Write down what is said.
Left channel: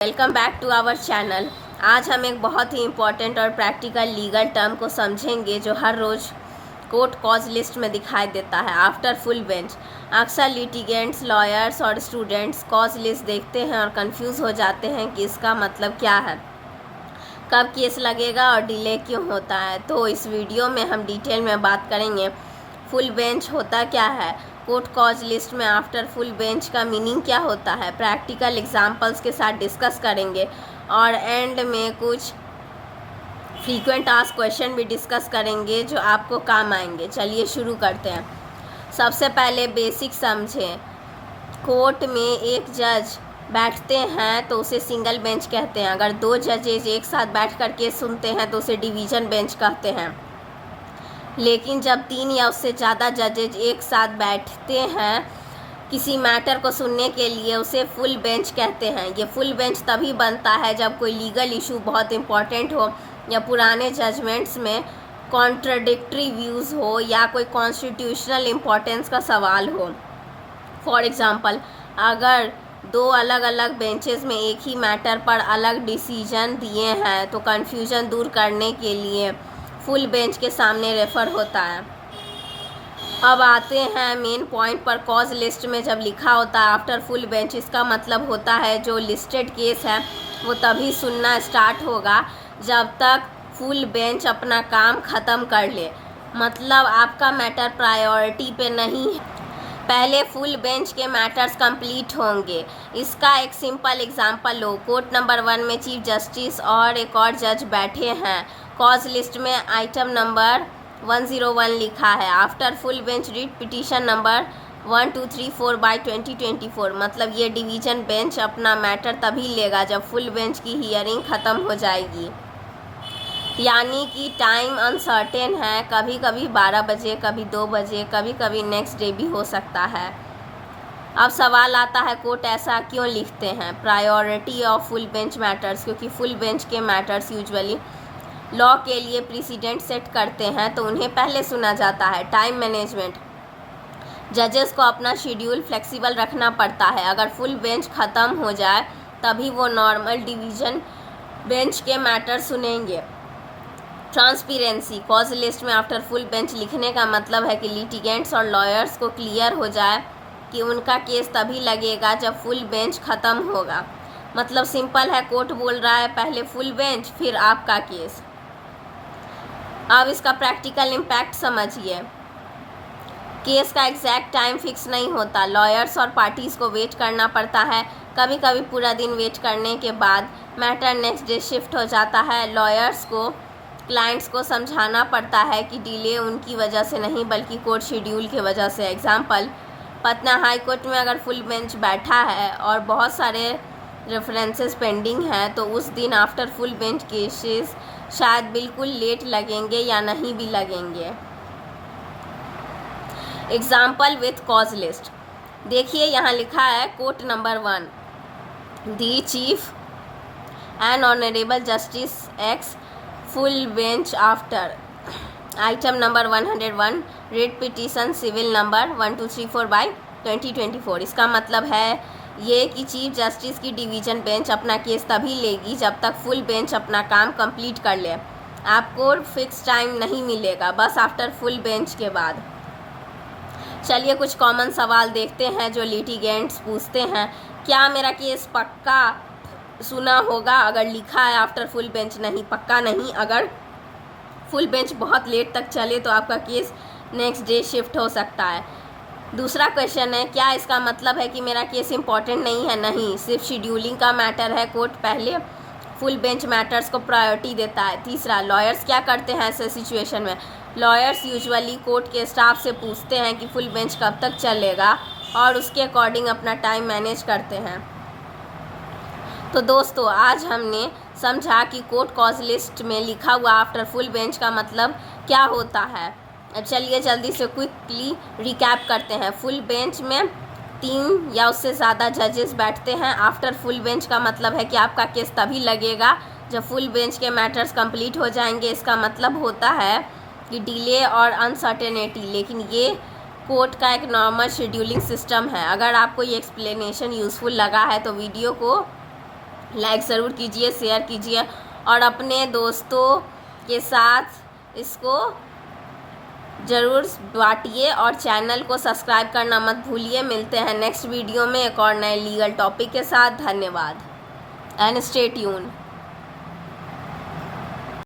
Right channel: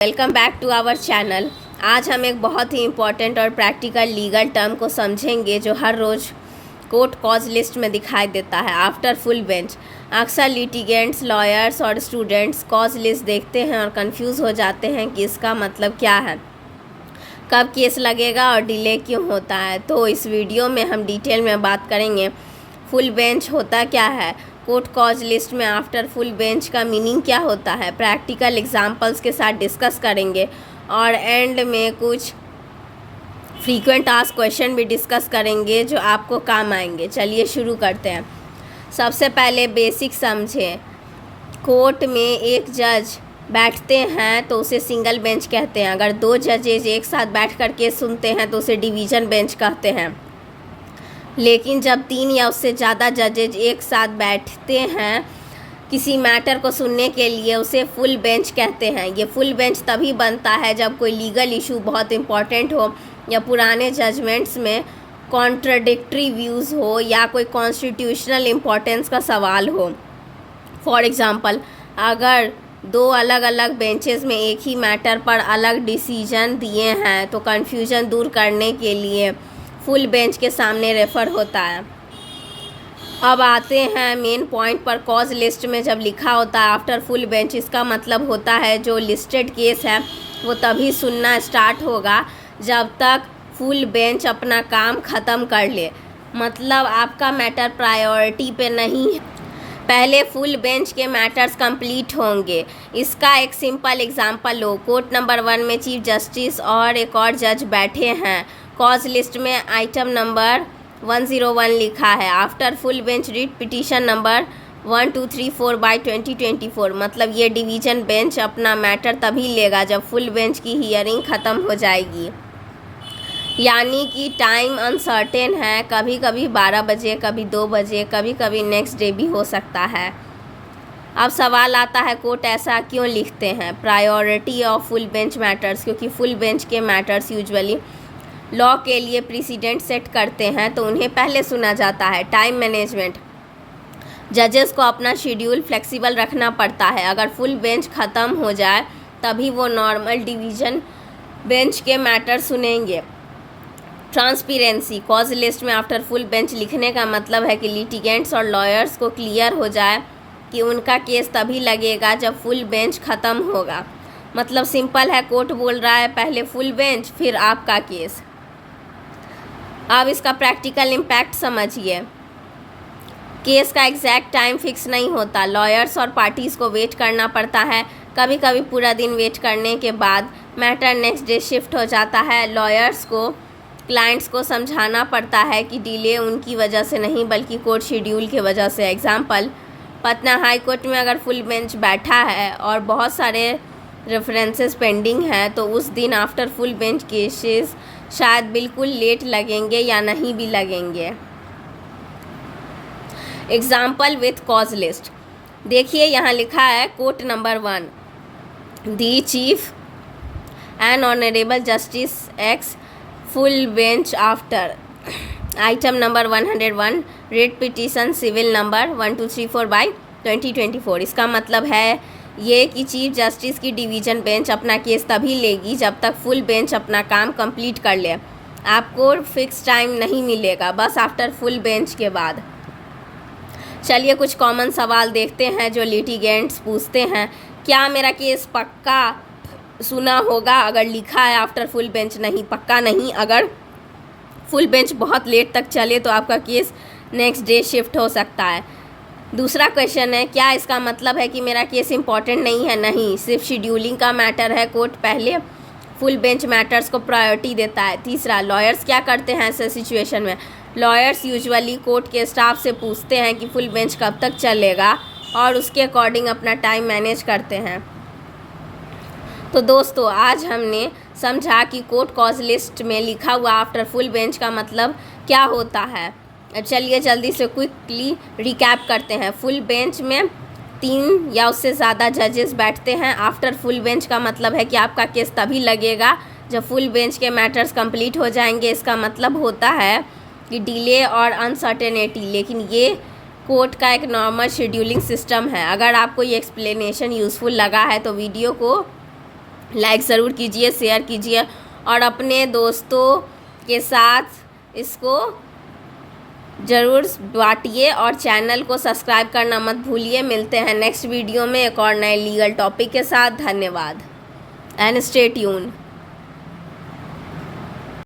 Welcome back to our channel. आज हम एक बहुत ही इम्पॉर्टेंट और प्रैक्टिकल लीगल टर्म को समझेंगे जो हर रोज़ कोर्ट कॉज लिस्ट में दिखाई देता है। आफ्टर फुल बेंच अक्सर लिटिगेंट्स, लॉयर्स और स्टूडेंट्स कॉज लिस्ट देखते हैं और कंफ्यूज हो जाते हैं कि इसका मतलब क्या है, कब केस लगेगा और डिले क्यों होता है। तो इस वीडियो में हम डिटेल में बात करेंगे फुल बेंच होता क्या है, कोर्ट कॉज लिस्ट में आफ्टर फुल बेंच का मीनिंग क्या होता है, प्रैक्टिकल एग्जांपल्स के साथ डिस्कस करेंगे और एंड में कुछ फ्रीक्वेंट आस्क क्वेश्चन भी डिस्कस करेंगे जो आपको काम आएंगे। चलिए शुरू करते हैं। सबसे पहले बेसिक समझें। कोर्ट में एक जज बैठते हैं तो उसे सिंगल बेंच कहते हैं। अगर दो जजेज एक साथ बैठ कर केस सुनते हैं तो उसे डिवीज़न बेंच कहते हैं। लेकिन जब 3 या उससे ज़्यादा जजेज एक साथ बैठते हैं किसी मैटर को सुनने के लिए, उसे फुल बेंच कहते हैं। ये फुल बेंच तभी बनता है जब कोई लीगल इशू बहुत इंपॉर्टेंट हो या पुराने जजमेंट्स में कॉन्ट्राडिक्टरी व्यूज़ हो या कोई कॉन्स्टिट्यूशनल इम्पोर्टेंस का सवाल हो। फॉर एग्ज़ाम्पल, अगर 2 अलग अलग बेंचेस में एक ही मैटर पर अलग डिसीजन दिए हैं तो कन्फ्यूजन दूर करने के लिए फुल बेंच के सामने रेफ़र होता है। अब आते हैं मेन पॉइंट पर। कॉज लिस्ट में जब लिखा होता है आफ्टर फुल बेंच, इसका मतलब होता है जो लिस्टेड केस है वो तभी सुनना स्टार्ट होगा जब तक फुल बेंच अपना काम ख़त्म कर ले। मतलब आपका मैटर प्रायोरिटी पे नहीं है, पहले फुल बेंच के मैटर्स कंप्लीट होंगे। इसका एक सिंपल एग्जांपल लो। कोर्ट नंबर 1 में चीफ जस्टिस और एक और जज बैठे हैं। कॉज लिस्ट में आइटम नंबर 101 लिखा है। After full bench read petition number 1234/2024। मतलब ये डिवीज़न बेंच अपना मैटर तभी लेगा जब फुल बेंच की हियरिंग ख़त्म हो जाएगी। यानी कि टाइम अनसर्टेन है, कभी कभी 12 बजे, कभी 2 बजे, कभी कभी नेक्स्ट डे भी हो सकता है। अब सवाल आता है कोर्ट ऐसा क्यों लिखते हैं। Priority of full bench matters, क्योंकि फुल बेंच के मैटर्स यूजुअली लॉ के लिए प्रेसिडेंट सेट करते हैं तो उन्हें पहले सुना जाता है। टाइम मैनेजमेंट, जजेस को अपना शेड्यूल फ्लेक्सिबल रखना पड़ता है। अगर फुल बेंच ख़त्म हो जाए तभी वो नॉर्मल डिवीज़न बेंच के मैटर सुनेंगे। ट्रांसपेरेंसी, कॉज लिस्ट में आफ्टर फुल बेंच लिखने का मतलब है कि लिटिगेंट्स और लॉयर्स को क्लियर हो जाए कि उनका केस तभी लगेगा जब फुल बेंच ख़त्म होगा। मतलब सिंपल है, कोर्ट बोल रहा है पहले फुल बेंच फिर आपका केस। अब इसका प्रैक्टिकल इम्पैक्ट समझिए। केस का एग्जैक्ट टाइम फिक्स नहीं होता, लॉयर्स और पार्टीज़ को वेट करना पड़ता है। कभी कभी पूरा दिन वेट करने के बाद मैटर नेक्स्ट डे शिफ्ट हो जाता है। लॉयर्स को क्लाइंट्स को समझाना पड़ता है कि डिले उनकी वजह से नहीं बल्कि कोर्ट शेड्यूल की वजह से। एग्जाम्पल, पटना हाई कोर्ट में अगर फुल बेंच बैठा है और बहुत सारे रेफरेंसेस पेंडिंग हैं तो उस दिन आफ्टर फुल बेंच केसेस शायद बिल्कुल लेट लगेंगे या नहीं भी लगेंगे। एग्जाम्पल विथ कॉज लिस्ट देखिए, यहाँ लिखा है court number 1, the chief and honourable justice X full bench after item number 101 writ petition civil number 1234/2024। इसका मतलब है ये कि चीफ जस्टिस की डिवीज़न बेंच अपना केस तभी लेगी जब तक फुल बेंच अपना काम कंप्लीट कर ले। आपको फिक्स टाइम नहीं मिलेगा, बस आफ्टर फुल बेंच के बाद। चलिए कुछ कॉमन सवाल देखते हैं जो लिटिगेंट्स पूछते हैं। क्या मेरा केस पक्का सुना होगा अगर लिखा है आफ्टर फुल बेंच? नहीं, पक्का नहीं। अगर फुल बेंच बहुत लेट तक चले तो आपका केस नेक्स्ट डे शिफ्ट हो सकता है। दूसरा क्वेश्चन है, क्या इसका मतलब है कि मेरा केस इंपॉर्टेंट नहीं है? नहीं, सिर्फ शेड्यूलिंग का मैटर है। कोर्ट पहले फुल बेंच मैटर्स को प्रायोरिटी देता है। तीसरा, लॉयर्स क्या करते हैं ऐसे सिचुएशन में? लॉयर्स यूजुअली कोर्ट के स्टाफ से पूछते हैं कि फुल बेंच कब तक चलेगा और उसके अकॉर्डिंग अपना टाइम मैनेज करते हैं। तो दोस्तों, आज हमने समझा कि कोर्ट कॉज लिस्ट में लिखा हुआ आफ्टर फुल बेंच का मतलब क्या होता है। चलिए जल्दी से क्विकली रिकैप करते हैं। फुल बेंच में 3 या उससे ज़्यादा जजेस बैठते हैं। आफ्टर फुल बेंच का मतलब है कि आपका केस तभी लगेगा जब फुल बेंच के मैटर्स कंप्लीट हो जाएंगे। इसका मतलब होता है कि डिले और अनसर्टेनिटी, लेकिन ये कोर्ट का एक नॉर्मल शेड्यूलिंग सिस्टम है। अगर आपको ये एक्सप्लेनेशन यूज़फुल लगा है तो वीडियो को लाइक ज़रूर कीजिए, शेयर कीजिए और अपने दोस्तों के साथ इसको ज़रूर बांटिए और चैनल को सब्सक्राइब करना मत भूलिए। मिलते हैं नेक्स्ट वीडियो में एक और नए लीगल टॉपिक के साथ। धन्यवाद एंड स्टे ट्यून्ड।